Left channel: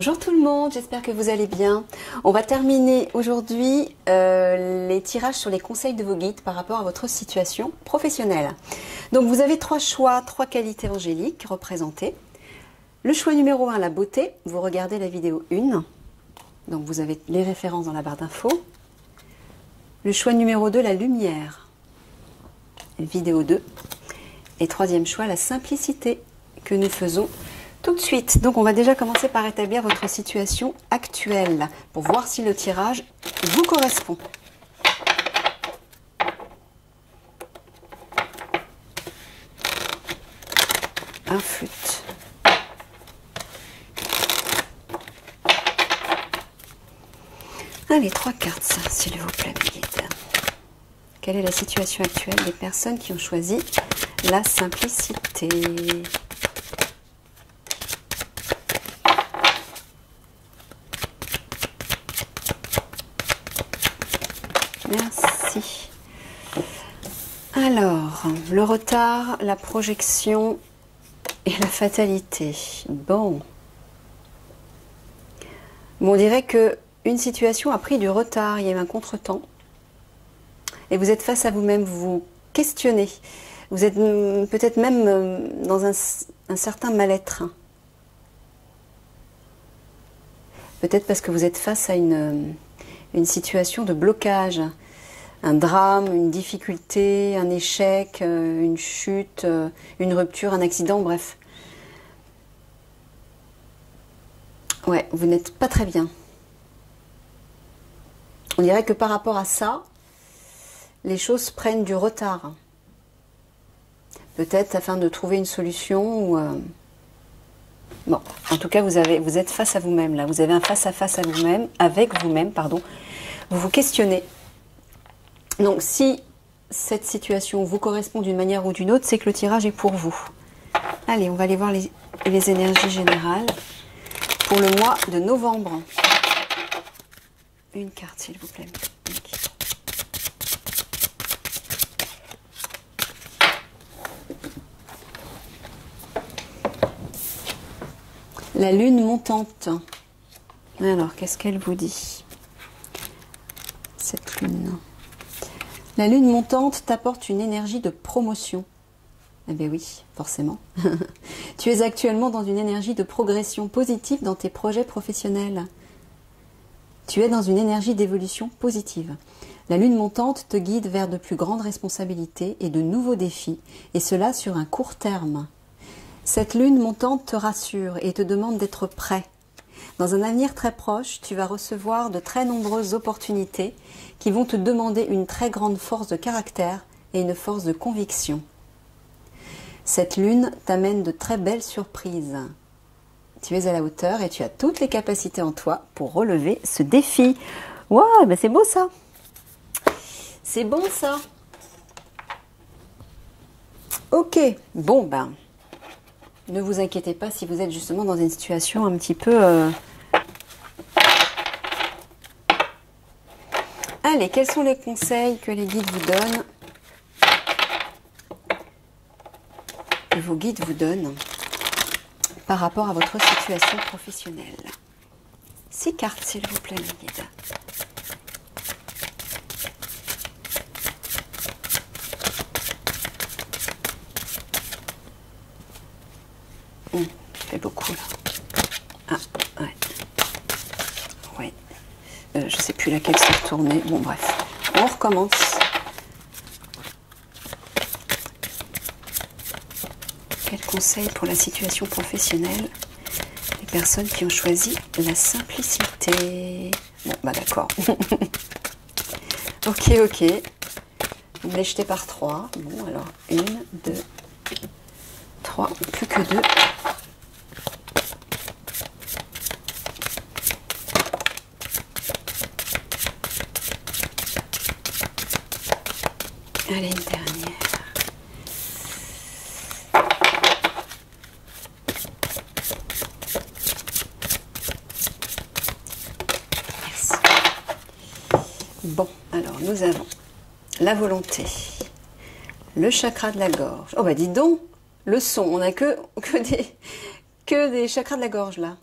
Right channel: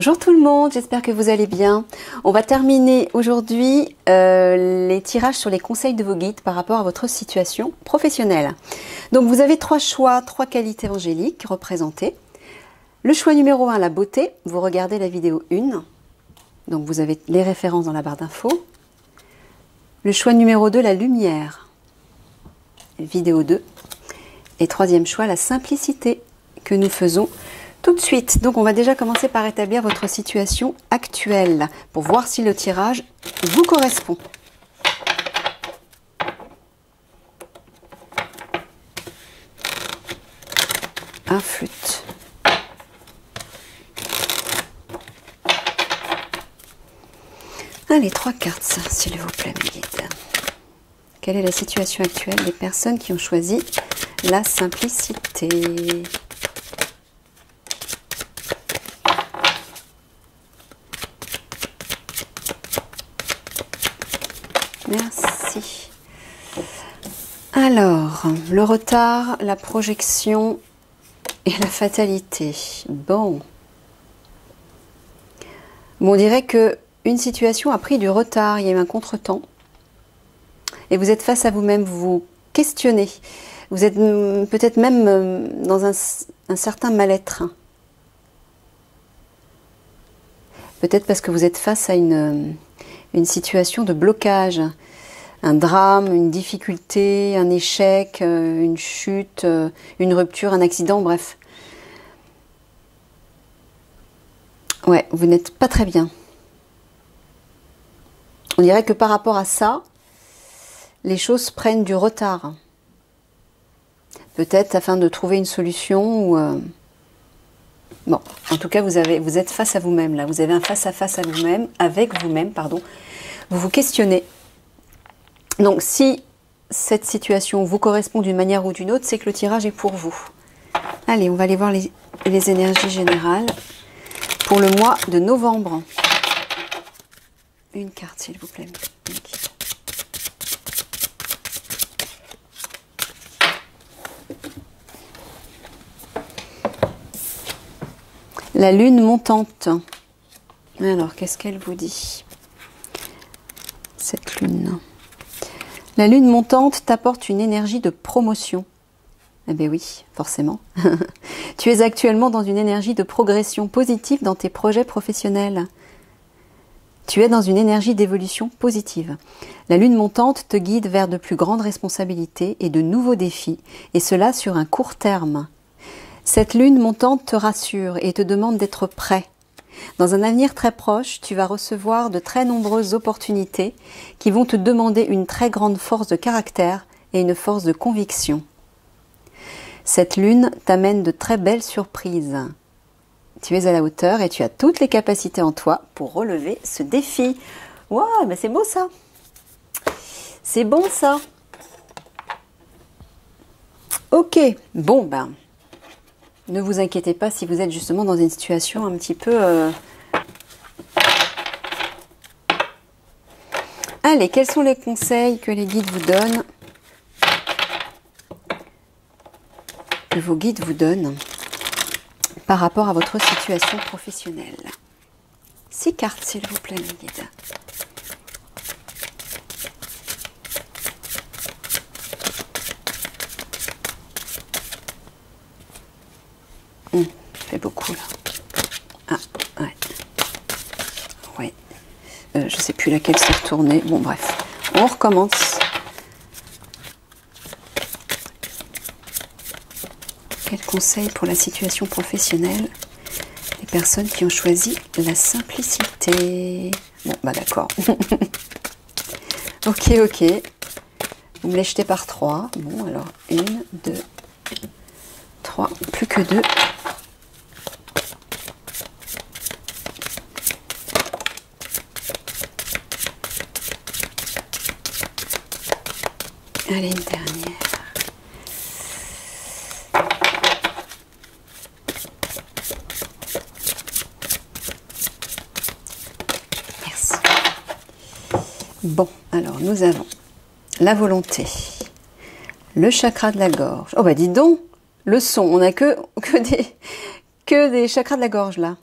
Bonjour tout le monde, j'espère que vous allez bien. On va terminer aujourd'hui les tirages sur les conseils de vos guides par rapport à votre situation professionnelle. Donc vous avez trois choix, trois qualités angéliques représentées. Le choix numéro 1, la beauté. Vous regardez la vidéo 1. Donc vous avez les références dans la barre d'infos. Le choix numéro 2, la lumière. Vidéo 2. Et troisième choix, la simplicité que nous faisons tout de suite. Donc on va déjà commencer par établir votre situation actuelle pour voir si le tirage vous correspond. Un flûte. Allez, trois cartes, s'il vous plaît, mes guides. Quelle est la situation actuelle des personnes qui ont choisi la simplicité ? Merci. Alors, le retard, la projection et la fatalité. Bon, on dirait que une situation a pris du retard, il y a eu un contretemps. Et vous êtes face à vous-même, vous vous questionnez. Vous êtes peut-être même dans un certain mal-être. Peut-être parce que vous êtes face à une situation de blocage, un drame, une difficulté, un échec, une chute, une rupture, un accident, bref. Ouais, vous n'êtes pas très bien. On dirait que par rapport à ça, les choses prennent du retard. Peut-être afin de trouver une solution ou... Bon, en tout cas, vous êtes face à vous-même là. Vous avez un face-à-face à vous-même, avec vous-même, pardon. Vous vous questionnez. Donc, si cette situation vous correspond d'une manière ou d'une autre, c'est que le tirage est pour vous. Allez, on va aller voir les énergies générales pour le mois de novembre. Une carte, s'il vous plaît. La lune montante. Alors, qu'est-ce qu'elle vous dit, cette lune? La lune montante t'apporte une énergie de promotion. Eh bien oui, forcément. Tu es actuellement dans une énergie de progression positive dans tes projets professionnels. Tu es dans une énergie d'évolution positive. La lune montante te guide vers de plus grandes responsabilités et de nouveaux défis, et cela sur un court terme. Cette lune montante te rassure et te demande d'être prêt. Dans un avenir très proche, tu vas recevoir de très nombreuses opportunités qui vont te demander une très grande force de caractère et une force de conviction. Cette lune t'amène de très belles surprises. Tu es à la hauteur et tu as toutes les capacités en toi pour relever ce défi. Waouh, ben c'est beau ça. C'est bon ça. Ok, bon ben... Ne vous inquiétez pas si vous êtes justement dans une situation un petit peu... Allez, quels sont les conseils que les guides vous donnent? Que vos guides vous donnent par rapport à votre situation professionnelle? 6 cartes, s'il vous plaît, mes guides. Fait beaucoup là. Ah, ouais. Ouais. Je sais plus laquelle s'est retournée. Bon, bref. On recommence. Quel conseil pour la situation professionnelle des personnes qui ont choisi la simplicité? Bon, bah d'accord. Ok, ok. Vous me les jetez par 3. Bon, alors, 1, 2, 3. Plus que 2. Allez, une dernière. Merci. Bon, alors nous avons la volonté, le chakra de la gorge. Oh bah dis donc, le son, on n'a que des chakras de la gorge là.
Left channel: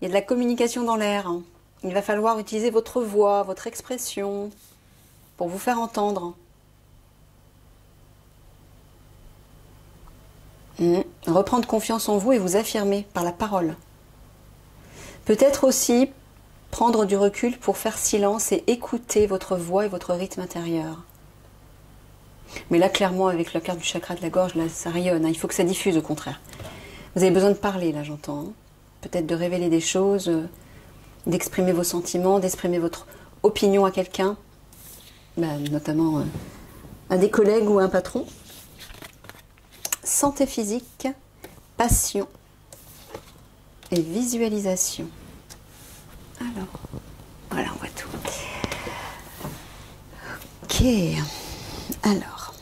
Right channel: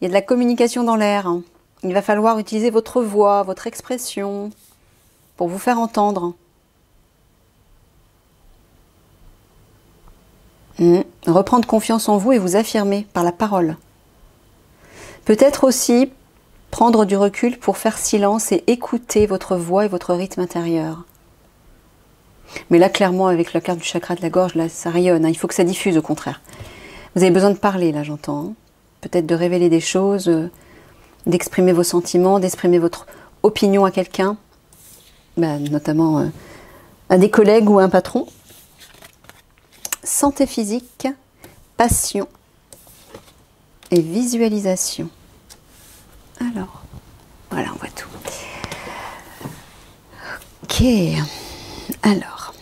Il y a de la communication dans l'air. Hein. Il va falloir utiliser votre voix, votre expression pour vous faire entendre. Reprendre confiance en vous et vous affirmer par la parole. Peut-être aussi prendre du recul pour faire silence et écouter votre voix et votre rythme intérieur. Mais là, clairement, avec la carte du chakra de la gorge, là, ça rayonne. Hein. Il faut que ça diffuse, au contraire. Vous avez besoin de parler, là, j'entends. Hein. Peut-être de révéler des choses, d'exprimer vos sentiments, d'exprimer votre opinion à quelqu'un, notamment à des collègues ou à un patron. Santé physique, passion et visualisation. Alors, voilà, on voit tout. Ok, alors.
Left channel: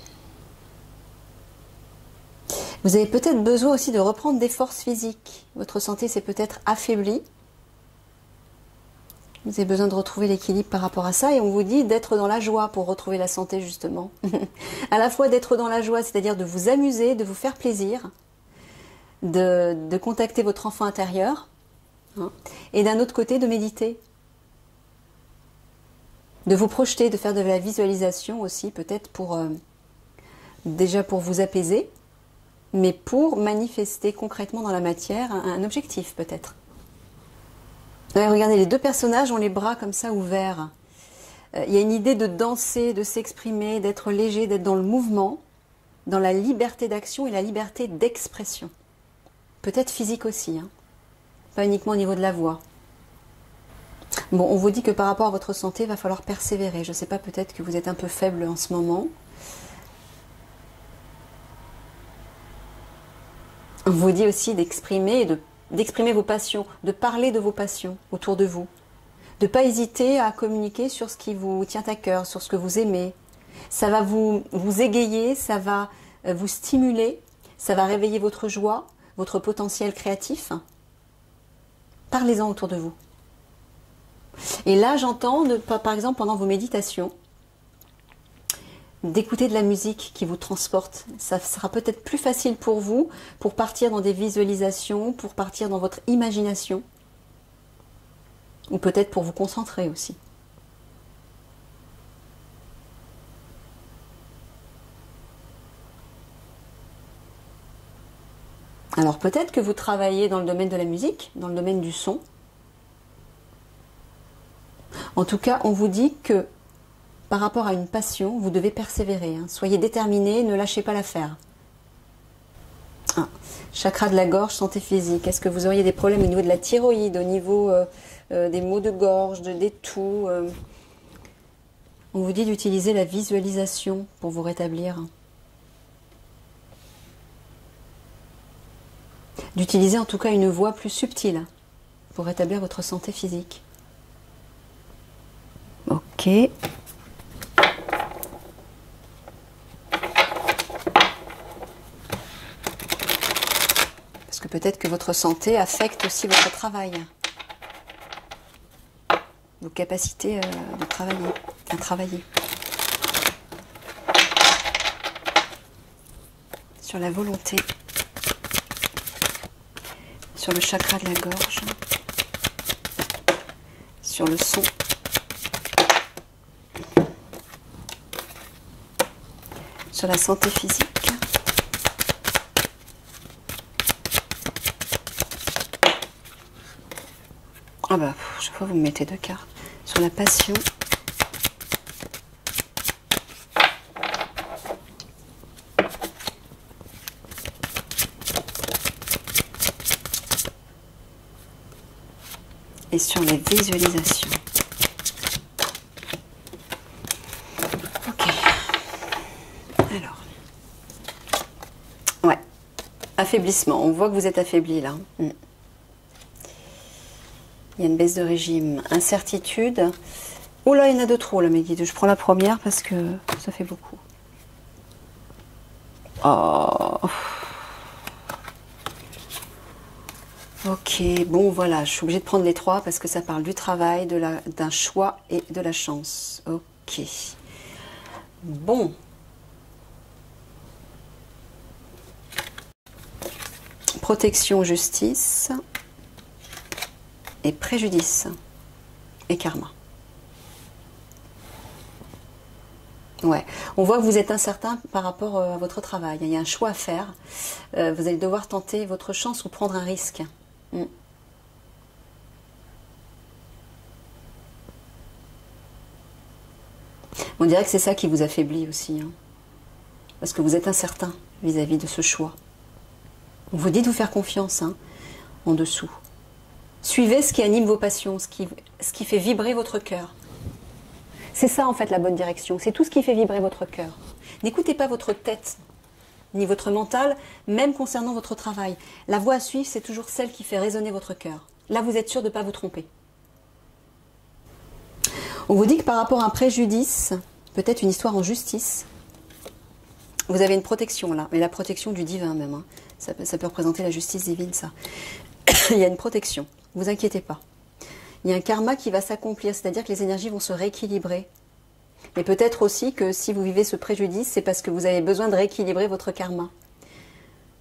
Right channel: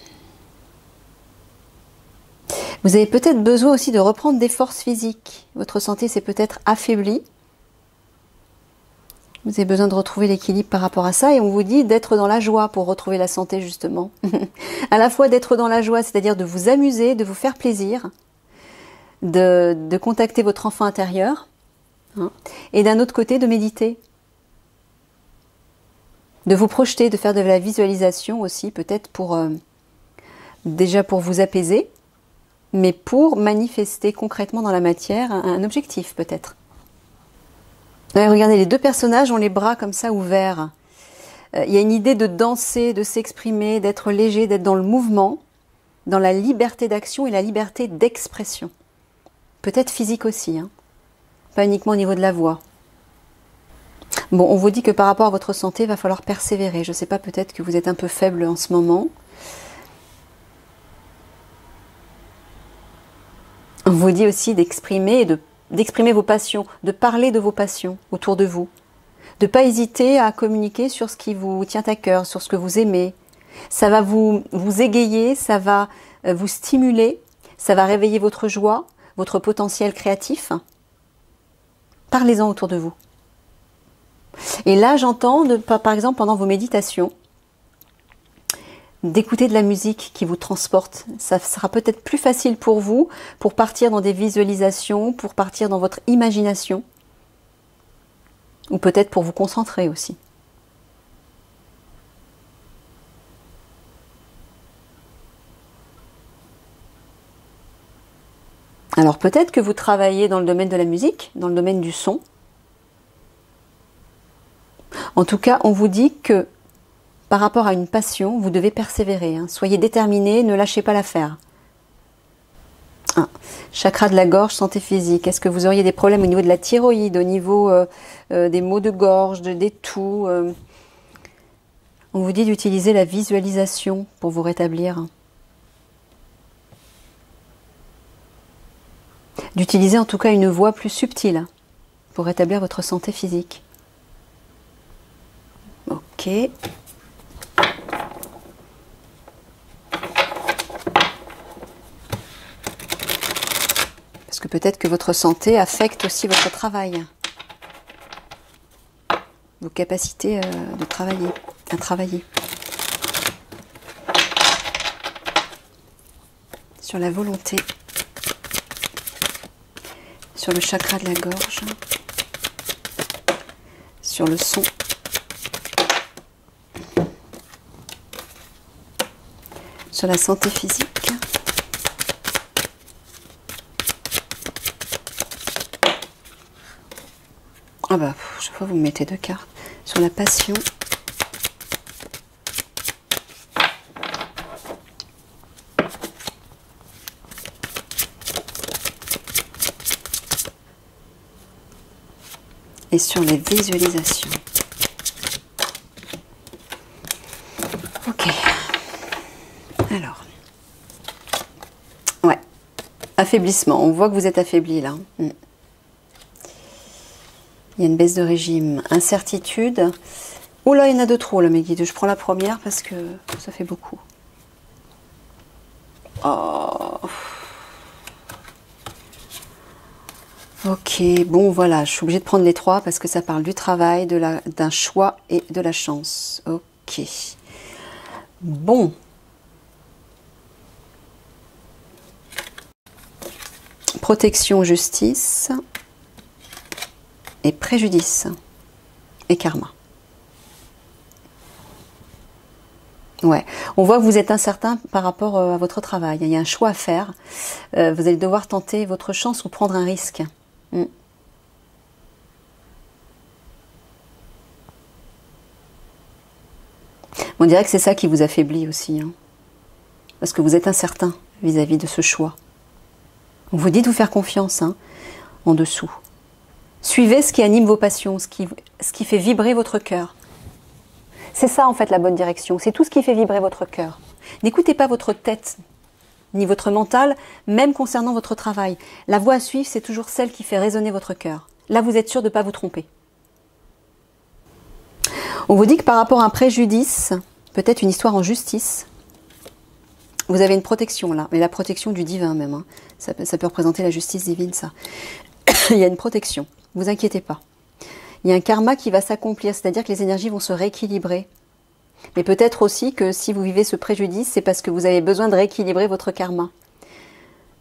Vous avez peut-être besoin aussi de reprendre des forces physiques. Votre santé s'est peut-être affaiblie. Vous avez besoin de retrouver l'équilibre par rapport à ça et on vous dit d'être dans la joie pour retrouver la santé justement. À la fois d'être dans la joie, c'est-à-dire de vous amuser, de vous faire plaisir, de contacter votre enfant intérieur hein, et d'un autre côté de méditer. De vous projeter, de faire de la visualisation aussi peut-être pour déjà pour vous apaiser mais pour manifester concrètement dans la matière un objectif peut-être. Regardez, les deux personnages ont les bras comme ça ouverts. Il y a une idée de danser, de s'exprimer, d'être léger, d'être dans le mouvement, dans la liberté d'action et la liberté d'expression. Peut-être physique aussi, hein. Pas uniquement au niveau de la voix. Bon, on vous dit que par rapport à votre santé, il va falloir persévérer. Je ne sais pas, peut-être que vous êtes un peu faible en ce moment. On vous dit aussi d'exprimer d'exprimer vos passions, de parler de vos passions autour de vous, de ne pas hésiter à communiquer sur ce qui vous tient à cœur, sur ce que vous aimez. Ça va vous égayer, ça va vous stimuler, ça va réveiller votre joie, votre potentiel créatif. Parlez-en autour de vous. Et là, j'entends, par exemple, pendant vos méditations, d'écouter de la musique qui vous transporte. Ça sera peut-être plus facile pour vous, pour partir dans des visualisations, pour partir dans votre imagination, ou peut-être pour vous concentrer aussi. Alors peut-être que vous travaillez dans le domaine de la musique, dans le domaine du son. En tout cas, on vous dit que par rapport à une passion, vous devez persévérer. Hein. Soyez déterminé, ne lâchez pas l'affaire. Chakra de la gorge, santé physique. Est-ce que vous auriez des problèmes au niveau de la thyroïde, au niveau des maux de gorge, des toux On vous dit d'utiliser la visualisation pour vous rétablir. D'utiliser en tout cas une voix plus subtile pour rétablir votre santé physique. Ok. Parce que peut-être que votre santé affecte aussi votre travail. Vos capacités de travailler, à travailler. Sur la volonté. Sur le chakra de la gorge. Sur le son. Sur la santé physique. Ah bah, chaque fois vous me mettez deux cartes. Sur la passion. Et sur les visualisations. Ok. Alors. Ouais. Affaiblissement. On voit que vous êtes affaibli là. Il y a une baisse de régime. Incertitude. Oh là, il y en a de trop là, mes guides. Je prends la première parce que ça fait beaucoup. Oh. Ok, bon voilà, je suis obligée de prendre les trois parce que ça parle du travail, d'un choix et de la chance. Ok. Bon. Protection, justice. et préjudice et karma. Ouais, on voit que vous êtes incertain par rapport à votre travail. Il y a un choix à faire. Vous allez devoir tenter votre chance ou prendre un risque. On dirait que c'est ça qui vous affaiblit aussi. Hein. Parce que vous êtes incertain vis-à-vis de ce choix. On vous dit de vous faire confiance en dessous. Suivez ce qui anime vos passions, ce qui fait vibrer votre cœur. C'est ça en fait la bonne direction, c'est tout ce qui fait vibrer votre cœur. N'écoutez pas votre tête, ni votre mental, même concernant votre travail. La voie à suivre, c'est toujours celle qui fait résonner votre cœur. Là, vous êtes sûr de ne pas vous tromper. On vous dit que par rapport à un préjudice, peut-être une histoire en justice, vous avez une protection là, mais la protection du divin même. Hein. Ça peut représenter la justice divine, ça. Il y a une protection, ne vous inquiétez pas. Il y a un karma qui va s'accomplir, c'est-à-dire que les énergies vont se rééquilibrer. Mais peut-être aussi que si vous vivez ce préjudice, c'est parce que vous avez besoin de rééquilibrer votre karma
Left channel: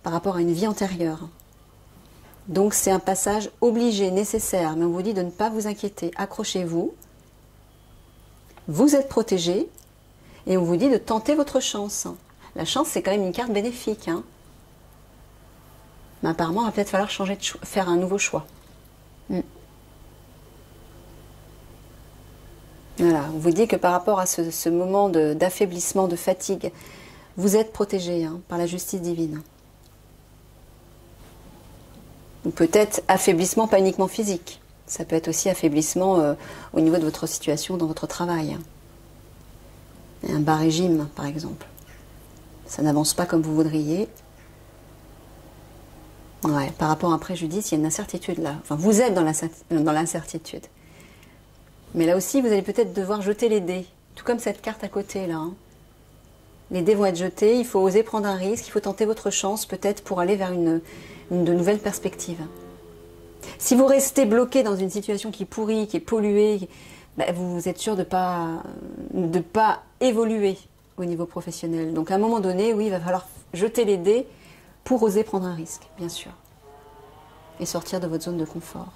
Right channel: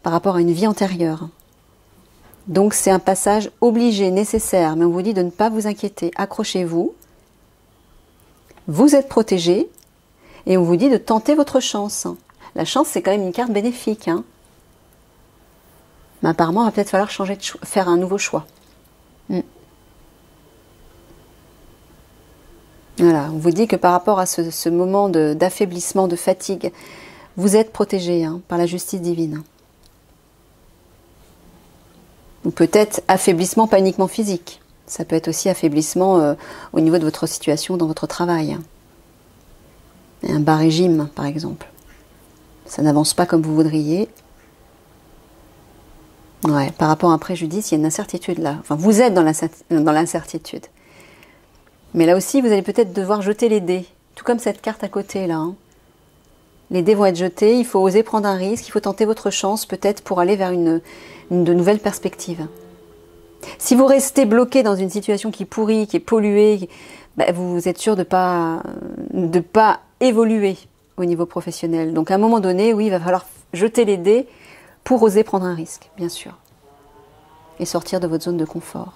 par rapport à une vie antérieure. Donc c'est un passage obligé, nécessaire, mais on vous dit de ne pas vous inquiéter. Accrochez-vous, vous êtes protégé, et on vous dit de tenter votre chance. La chance, c'est quand même une carte bénéfique. Hein. Mais apparemment, il va peut-être falloir changer faire un nouveau choix. Voilà, on vous dit que par rapport à ce moment d'affaiblissement, de fatigue, vous êtes protégé par la justice divine. Ou peut-être affaiblissement pas uniquement physique. Ça peut être aussi affaiblissement au niveau de votre situation dans votre travail. Un bas régime, par exemple. Ça n'avance pas comme vous voudriez. Ouais, par rapport à un préjudice, il y a une incertitude là. Enfin, vous êtes dans l'incertitude. Mais là aussi, vous allez peut-être devoir jeter les dés. Tout comme cette carte à côté, là. Hein. Les dés vont être jetés, il faut oser prendre un risque, il faut tenter votre chance, peut-être pour aller vers de nouvelles perspectives. Si vous restez bloqué dans une situation qui pourrit, qui est polluée, vous êtes sûr de pas évoluer au niveau professionnel. Donc à un moment donné, oui, il va falloir jeter les dés pour oser prendre un risque, bien sûr. Et sortir de votre zone de confort.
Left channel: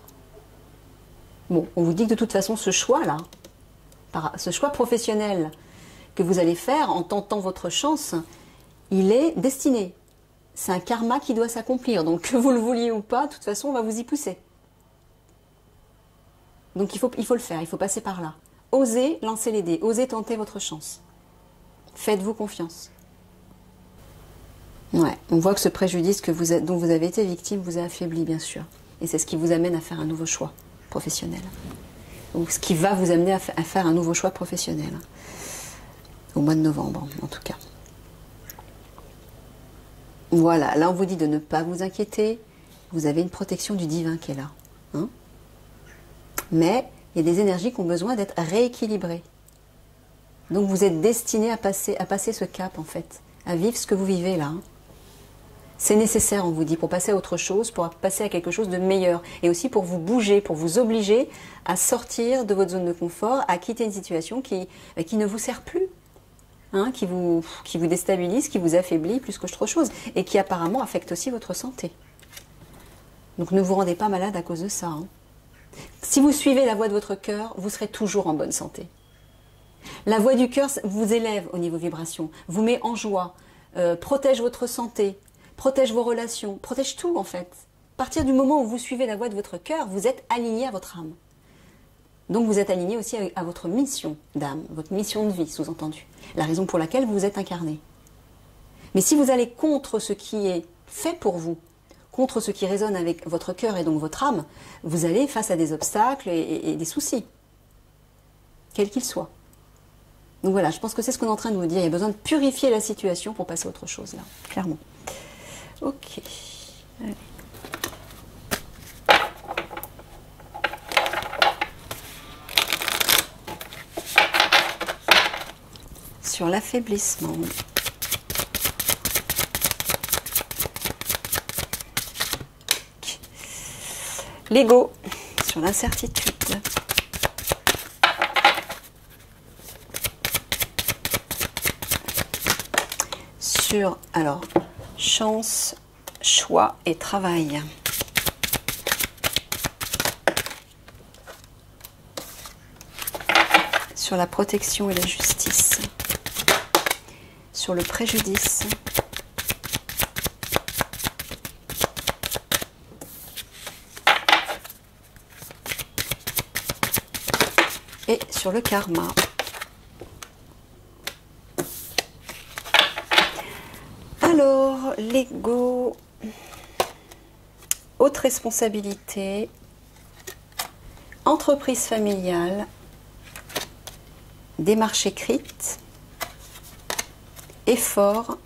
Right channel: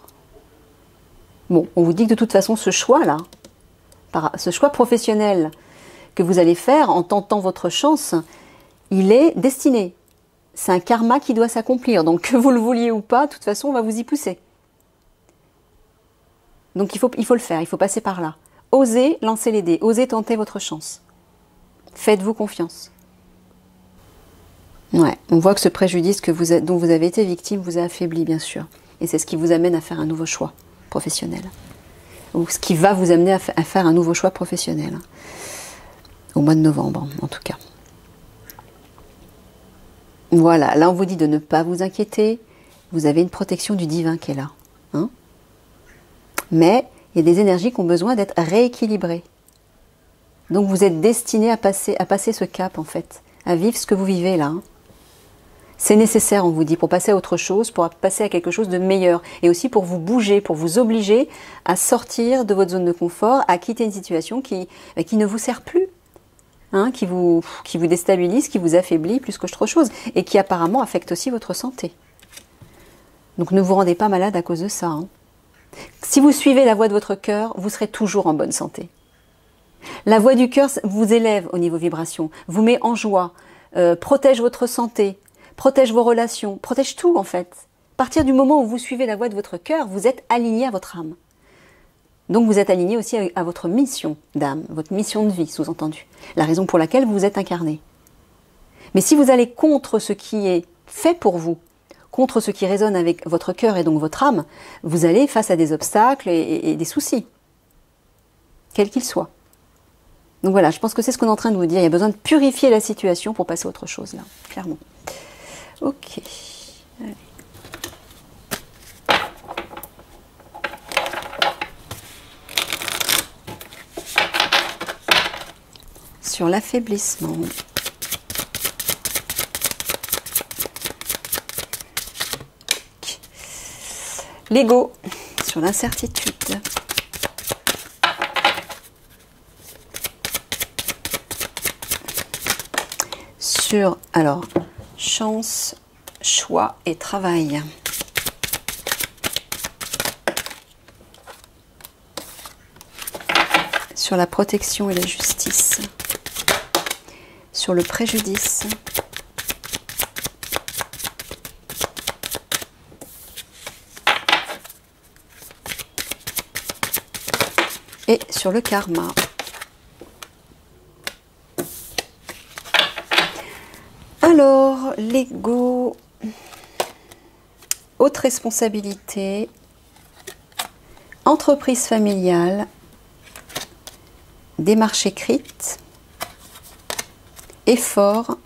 Bon, on vous dit que de toute façon, ce choix-là, ce choix professionnel que vous allez faire en tentant votre chance, il est destiné. C'est un karma qui doit s'accomplir. Donc, que vous le vouliez ou pas, de toute façon, on va vous y pousser. Donc, il faut le faire, il faut passer par là. Osez lancer les dés, osez tenter votre chance. Faites-vous confiance. Ouais, on voit que ce préjudice dont vous avez été victime vous a affaibli, bien sûr. Et c'est ce qui vous amène à faire un nouveau choix professionnel. Ou ce qui va vous amener à faire un nouveau choix professionnel. Au mois de novembre, en tout cas. Voilà, là on vous dit de ne pas vous inquiéter. Vous avez une protection du divin qui est là. Hein, mais il y a des énergies qui ont besoin d'être rééquilibrées. Donc vous êtes destiné à passer ce cap en fait. À vivre ce que vous vivez là. Hein. C'est nécessaire, on vous dit, pour passer à autre chose, pour passer à quelque chose de meilleur. Et aussi pour vous bouger, pour vous obliger à sortir de votre zone de confort, à quitter une situation qui ne vous sert plus. Hein, qui vous déstabilise, qui vous affaiblit plus qu'autre chose. Et qui apparemment affecte aussi votre santé. Donc ne vous rendez pas malade à cause de ça. Hein. Si vous suivez la voie de votre cœur, vous serez toujours en bonne santé. La voie du cœur vous élève au niveau vibration, vous met en joie, protège votre santé, protège vos relations, protège tout en fait. À partir du moment où vous suivez la voie de votre cœur, vous êtes aligné à votre âme. Donc vous êtes aligné aussi à votre mission d'âme, votre mission de vie, sous-entendu. La raison pour laquelle vous êtes incarné. Mais si vous allez contre ce qui est fait pour vous, contre ce qui résonne avec votre cœur et donc votre âme, vous allez face à des obstacles et des soucis, quels qu'ils soient. Donc voilà, je pense que c'est ce qu'on est en train de vous dire. Il y a besoin de purifier la situation pour passer à autre chose, là, clairement. Ok. Allez. Sur l'affaiblissement. L'ego, sur l'incertitude. Sur, alors, chance, choix et travail. sur la protection et la justice, sur le préjudice, et sur le karma. Alors, l'ego, haute responsabilité, entreprise familiale, démarche écrite, effort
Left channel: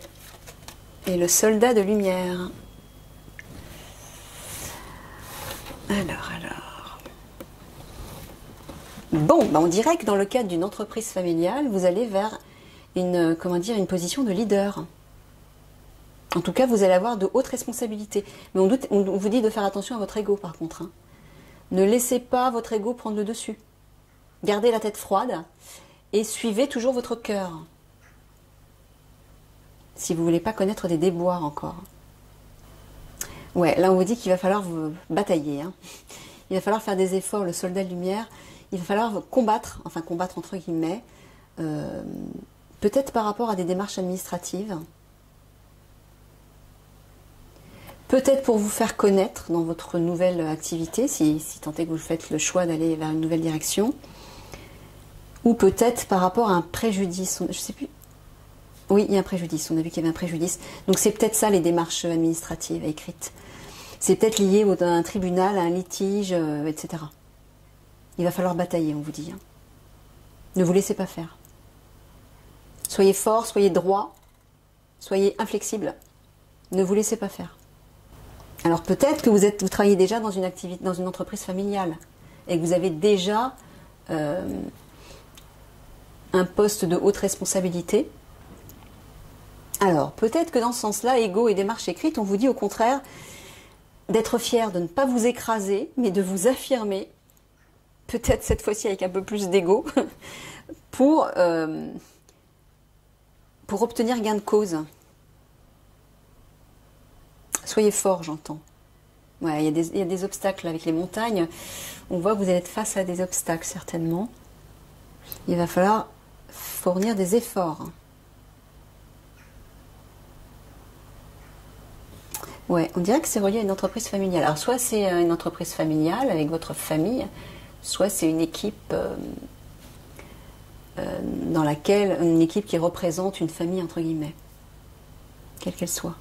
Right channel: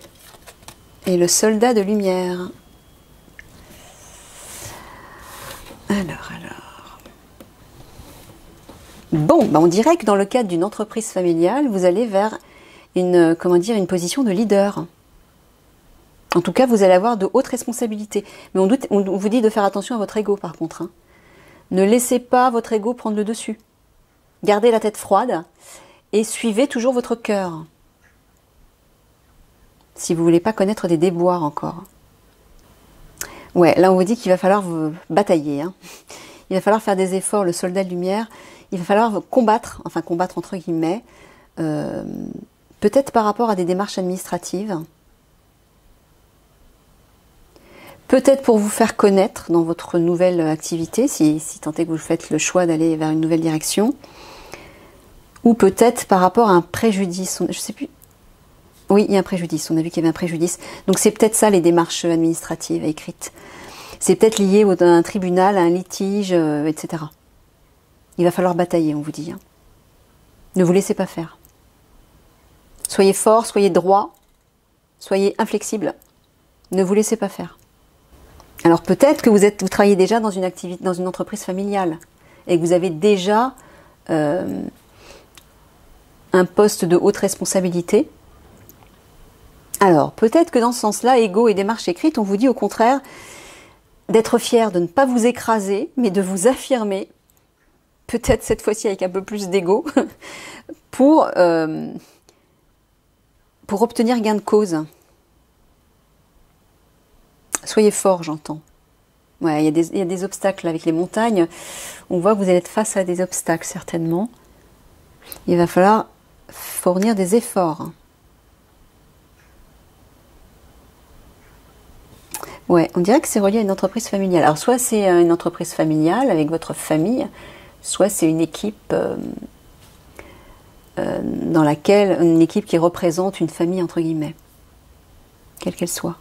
et le soldat de lumière. Alors. Bon, on dirait que dans le cadre d'une entreprise familiale, vous allez vers une position de leader. En tout cas, vous allez avoir de hautes responsabilités. Mais on vous dit de faire attention à votre ego, par contre. Hein. Ne laissez pas votre ego prendre le dessus. Gardez la tête froide et suivez toujours votre cœur. Si vous ne voulez pas connaître des déboires encore. Ouais, là on vous dit qu'il va falloir vous batailler. Hein. Il va falloir faire des efforts, le soldat de lumière. Il va falloir combattre entre guillemets, peut-être par rapport à des démarches administratives. Peut-être pour vous faire connaître dans votre nouvelle activité, si tant est que vous faites le choix d'aller vers une nouvelle direction. Ou peut-être par rapport à un préjudice. Je ne sais plus. Oui, il y a un préjudice. On a vu qu'il y avait un préjudice. Donc c'est peut-être ça les démarches administratives écrites. C'est peut-être lié à un tribunal, à un litige, etc. Il va falloir batailler, on vous dit. Hein. Ne vous laissez pas faire. Soyez fort, soyez droit, soyez inflexible. Ne vous laissez pas faire. Alors peut-être que vous travaillez déjà dans une activité, dans une entreprise familiale et que vous avez déjà un poste de haute responsabilité. Alors peut-être que dans ce sens-là, ego et démarche écrite, on vous dit au contraire d'être fier, de ne pas vous écraser, mais de vous affirmer, peut-être cette fois-ci avec un peu plus d'ego, pour obtenir gain de cause. Soyez fort, j'entends. Ouais, il y a des obstacles avec les montagnes. On voit que vous allez être face à des obstacles, certainement. Il va falloir fournir des efforts. Ouais, on dirait que c'est relié à une entreprise familiale. Alors, soit c'est une entreprise familiale avec votre famille, soit c'est une équipe une équipe qui représente une famille, entre guillemets. Quelle qu'elle soit.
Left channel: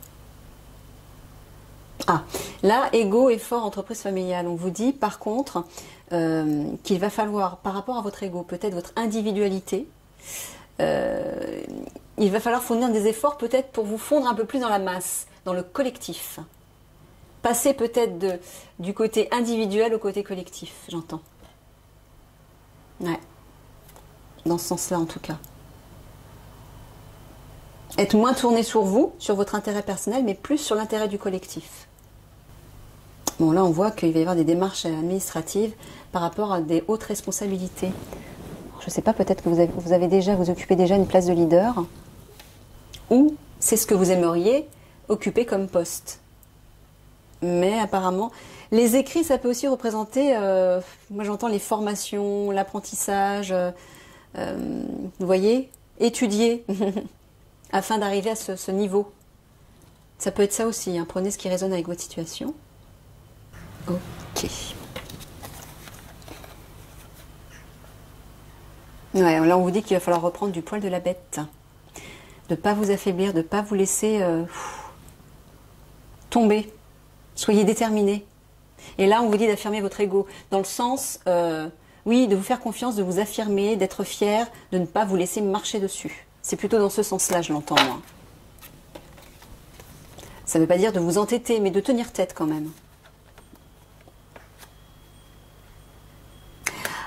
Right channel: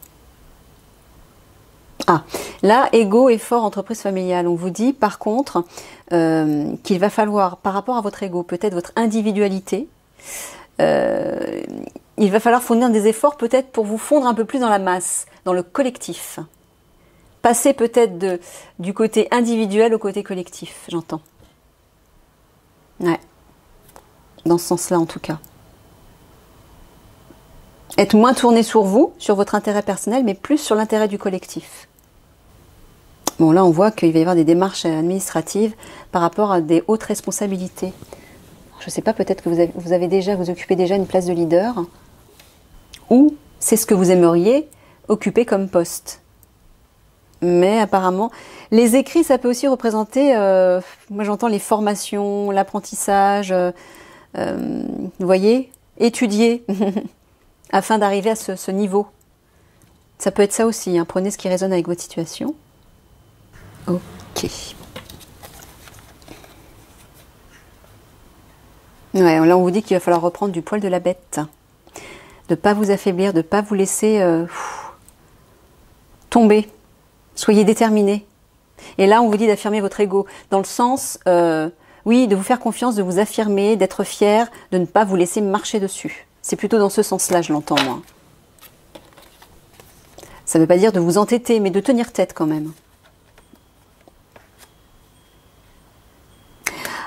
Ah, là, ego, effort, entreprise familiale. On vous dit, par contre, qu'il va falloir, par rapport à votre ego, peut-être votre individualité, il va falloir fournir des efforts peut-être pour vous fondre un peu plus dans la masse, dans le collectif. Passer peut-être du côté individuel au côté collectif, j'entends. Ouais. Dans ce sens-là, en tout cas. Être moins tourné sur vous, sur votre intérêt personnel, mais plus sur l'intérêt du collectif. Bon, là, on voit qu'il va y avoir des démarches administratives par rapport à des hautes responsabilités. Je ne sais pas, peut-être que vous occupez déjà une place de leader, ou c'est ce que vous aimeriez occuper comme poste. Mais apparemment, les écrits, ça peut aussi représenter, moi j'entends les formations, l'apprentissage, vous voyez, étudier, afin d'arriver à ce niveau. Ça peut être ça aussi, hein. Prenez ce qui résonne avec votre situation. Ok. Ouais, là on vous dit qu'il va falloir reprendre du poil de la bête. De ne pas vous affaiblir, de ne pas vous laisser tomber. Soyez déterminés. Et là on vous dit d'affirmer votre ego. Dans le sens, oui, de vous faire confiance, de vous affirmer, d'être fier, de ne pas vous laisser marcher dessus. C'est plutôt dans ce sens-là, je l'entends moi. Ça ne veut pas dire de vous entêter, mais de tenir tête quand même.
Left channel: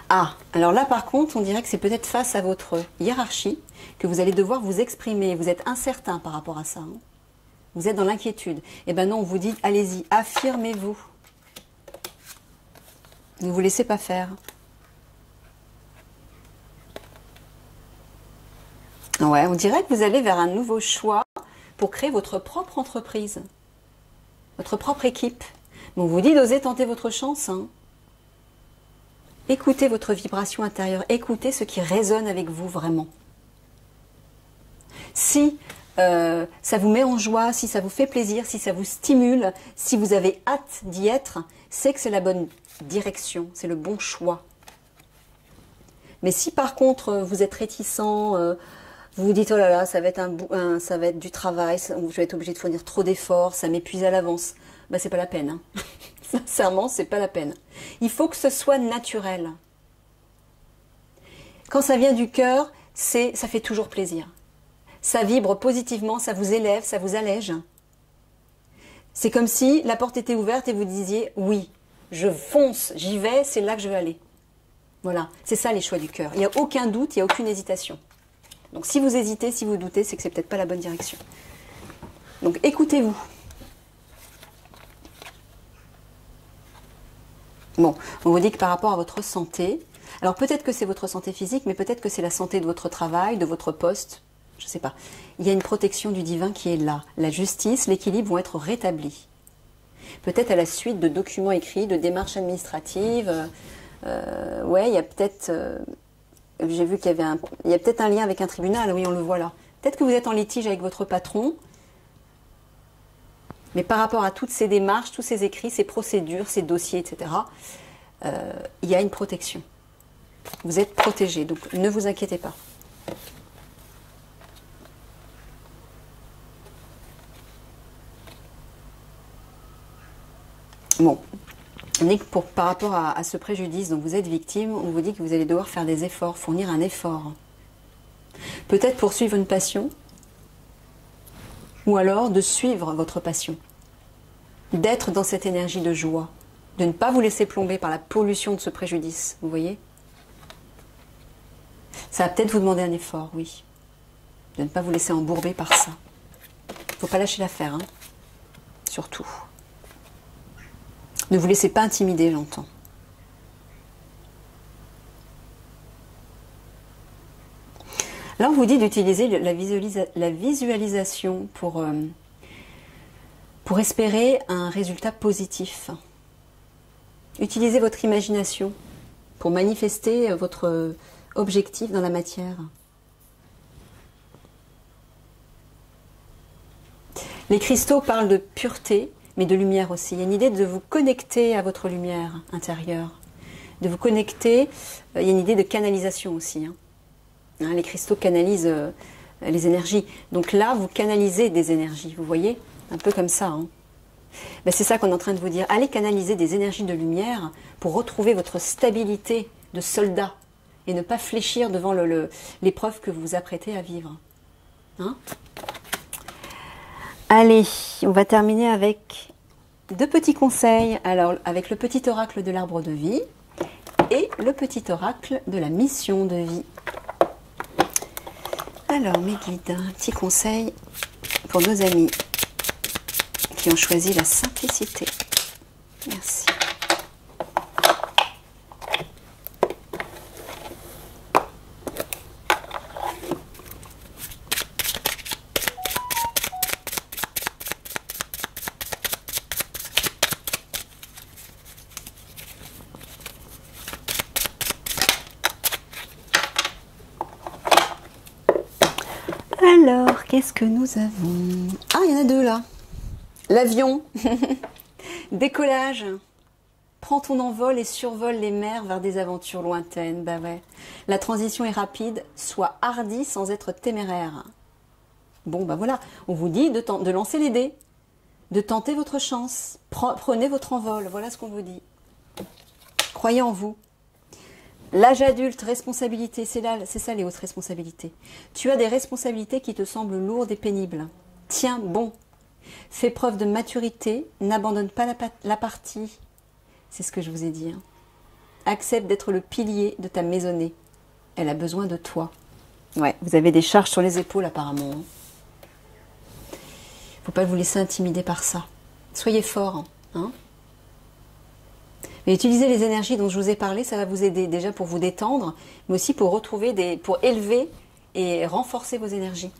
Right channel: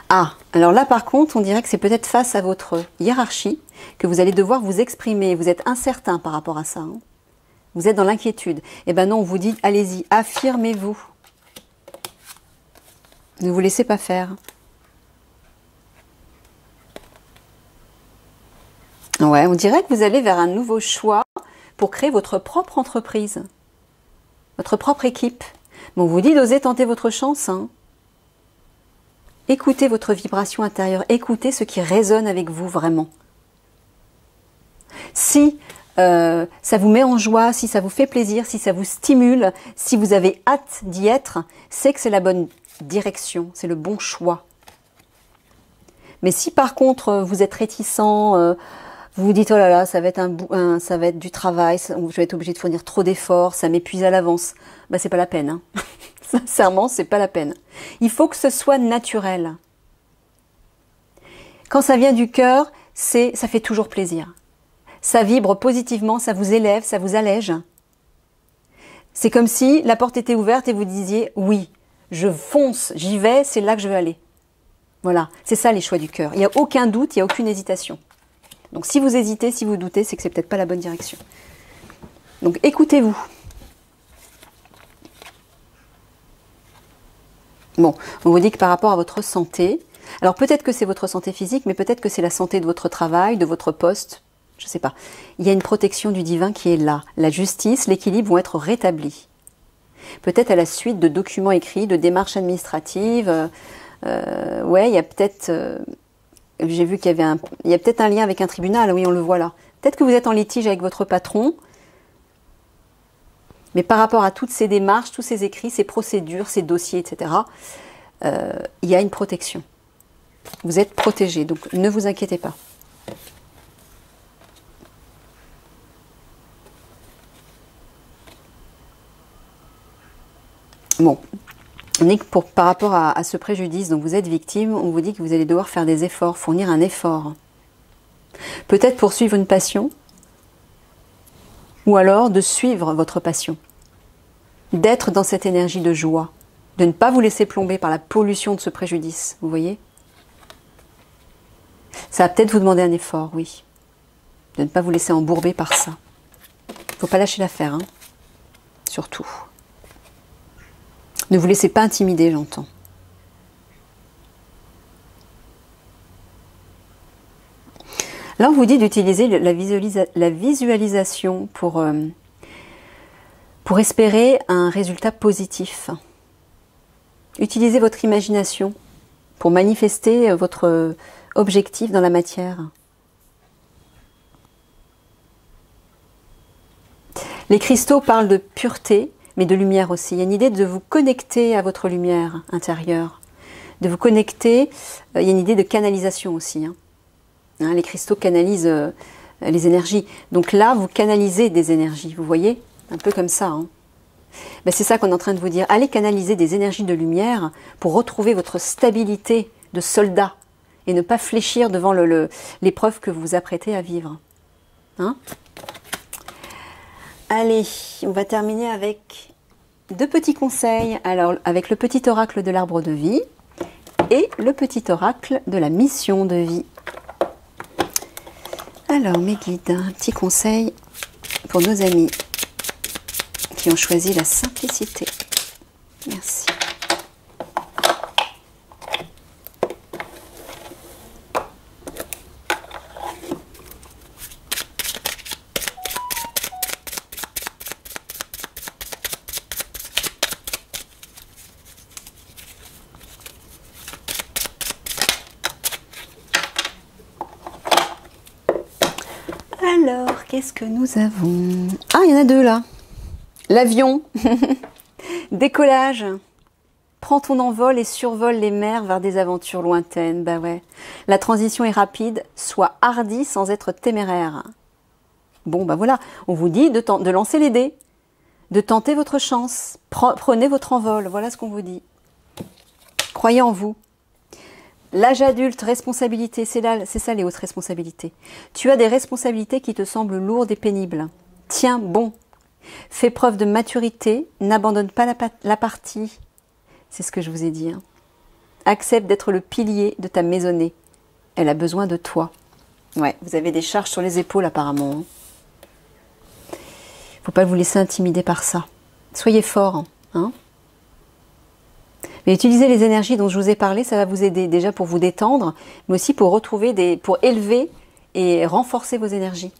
Ah, alors là par contre, on dirait que c'est peut-être face à votre hiérarchie que vous allez devoir vous exprimer. Vous êtes incertain par rapport à ça. Hein. Vous êtes dans l'inquiétude. Eh bien non, on vous dit, allez-y, affirmez-vous. Ne vous laissez pas faire. Ouais, on dirait que vous allez vers un nouveau choix pour créer votre propre entreprise, votre propre équipe. Bon, on vous dit d'oser tenter votre chance. Hein. Écoutez votre vibration intérieure, écoutez ce qui résonne avec vous vraiment. Si ça vous met en joie, si ça vous fait plaisir, si ça vous stimule, si vous avez hâte d'y être, c'est que c'est la bonne direction, c'est le bon choix. Mais si par contre vous êtes réticent, vous vous dites oh là là, ça va être du travail, je vais être obligé de fournir trop d'efforts, ça m'épuise à l'avance, bah c'est pas la peine. Hein. Sincèrement, c'est pas la peine. Il faut que ce soit naturel. Quand ça vient du cœur, ça fait toujours plaisir. Ça vibre positivement, ça vous élève, ça vous allège. C'est comme si la porte était ouverte et vous disiez oui, je fonce, j'y vais, c'est là que je veux aller. Voilà, c'est ça les choix du cœur. Il n'y a aucun doute, il n'y a aucune hésitation. Donc si vous hésitez, si vous doutez, c'est que c'est peut-être pas la bonne direction. Donc écoutez-vous. Bon, on vous dit que par rapport à votre santé, alors peut-être que c'est votre santé physique, mais peut-être que c'est la santé de votre travail, de votre poste, je ne sais pas. Il y a une protection du divin qui est là. La justice, l'équilibre vont être rétablis. Peut-être à la suite de documents écrits, de démarches administratives. Ouais, il y a peut-être... j'ai vu qu'il y avait il y a peut-être un lien avec un tribunal, oui, on le voit là. Peut-être que vous êtes en litige avec votre patron, mais par rapport à toutes ces démarches, tous ces écrits, ces procédures, ces dossiers, etc., il y a une protection. Vous êtes protégé, donc ne vous inquiétez pas. Bon, on est que par rapport à ce préjudice dont vous êtes victime, on vous dit que vous allez devoir faire des efforts, fournir un effort. Peut-être poursuivre une passion, ou alors de suivre votre passion. D'être dans cette énergie de joie, de ne pas vous laisser plomber par la pollution de ce préjudice, vous voyez? Ça va peut-être vous demander un effort, oui. De ne pas vous laisser embourber par ça. Il ne faut pas lâcher l'affaire, hein. Surtout. Ne vous laissez pas intimider, j'entends. Là, on vous dit d'utiliser la visualisation pour espérer un résultat positif. Utilisez votre imagination pour manifester votre objectif dans la matière. Les cristaux parlent de pureté, mais de lumière aussi. Il y a une idée de vous connecter à votre lumière intérieure, de vous connecter, il y a une idée de canalisation aussi. Les cristaux canalisent les énergies. Donc là, vous canalisez des énergies, vous voyez? Un peu comme ça. Ben, c'est ça qu'on est en train de vous dire. Allez canaliser des énergies de lumière pour retrouver votre stabilité de soldat et ne pas fléchir devant l'épreuve que vous vous apprêtez à vivre. Allez, on va terminer avec 2 petits conseils. Alors, avec le petit oracle de l'arbre de vie et le petit oracle de la mission de vie. Alors, mes guides, un petit conseil pour nos amis qui ont choisi la simplicité. Merci. Alors, qu'est-ce que nous avons? Ah, il y en a 2 là. L'avion. Décollage. Prends ton envol et survole les mers vers des aventures lointaines. Bah ouais. La transition est rapide. Sois hardi sans être téméraire. Bon, bah voilà. On vous dit de lancer les dés. De tenter votre chance. Prenez votre envol. Voilà ce qu'on vous dit. Croyez en vous. L'âge adulte, responsabilité, c'est ça les hautes responsabilités. Tu as des responsabilités qui te semblent lourdes et pénibles. Tiens bon, fais preuve de maturité, n'abandonne pas la partie. C'est ce que je vous ai dit. Accepte d'être le pilier de ta maisonnée. Elle a besoin de toi. Ouais, vous avez des charges sur les épaules apparemment. Faut pas vous laisser intimider par ça. Soyez fort, hein. Mais utilisez les énergies dont je vous ai parlé, ça va vous aider déjà pour vous détendre, mais aussi pour retrouver pour élever et renforcer vos énergies.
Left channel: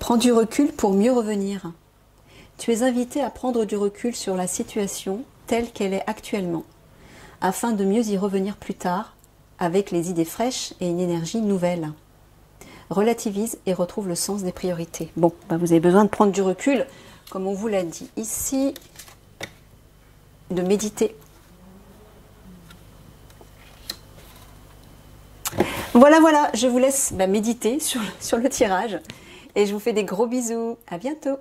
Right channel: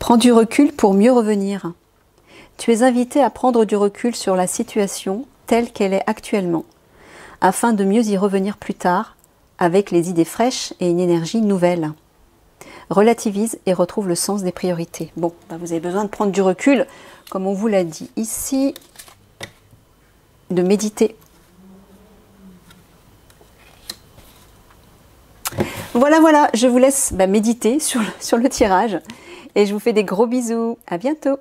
Prends du recul pour mieux revenir. Tu es invité à prendre du recul sur la situation telle qu'elle est actuellement, afin de mieux y revenir plus tard, avec les idées fraîches et une énergie nouvelle. Relativise et retrouve le sens des priorités. Bon, vous avez besoin de prendre du recul, comme on vous l'a dit ici, de méditer. Voilà, je vous laisse méditer sur le tirage et je vous fais des gros bisous. À bientôt.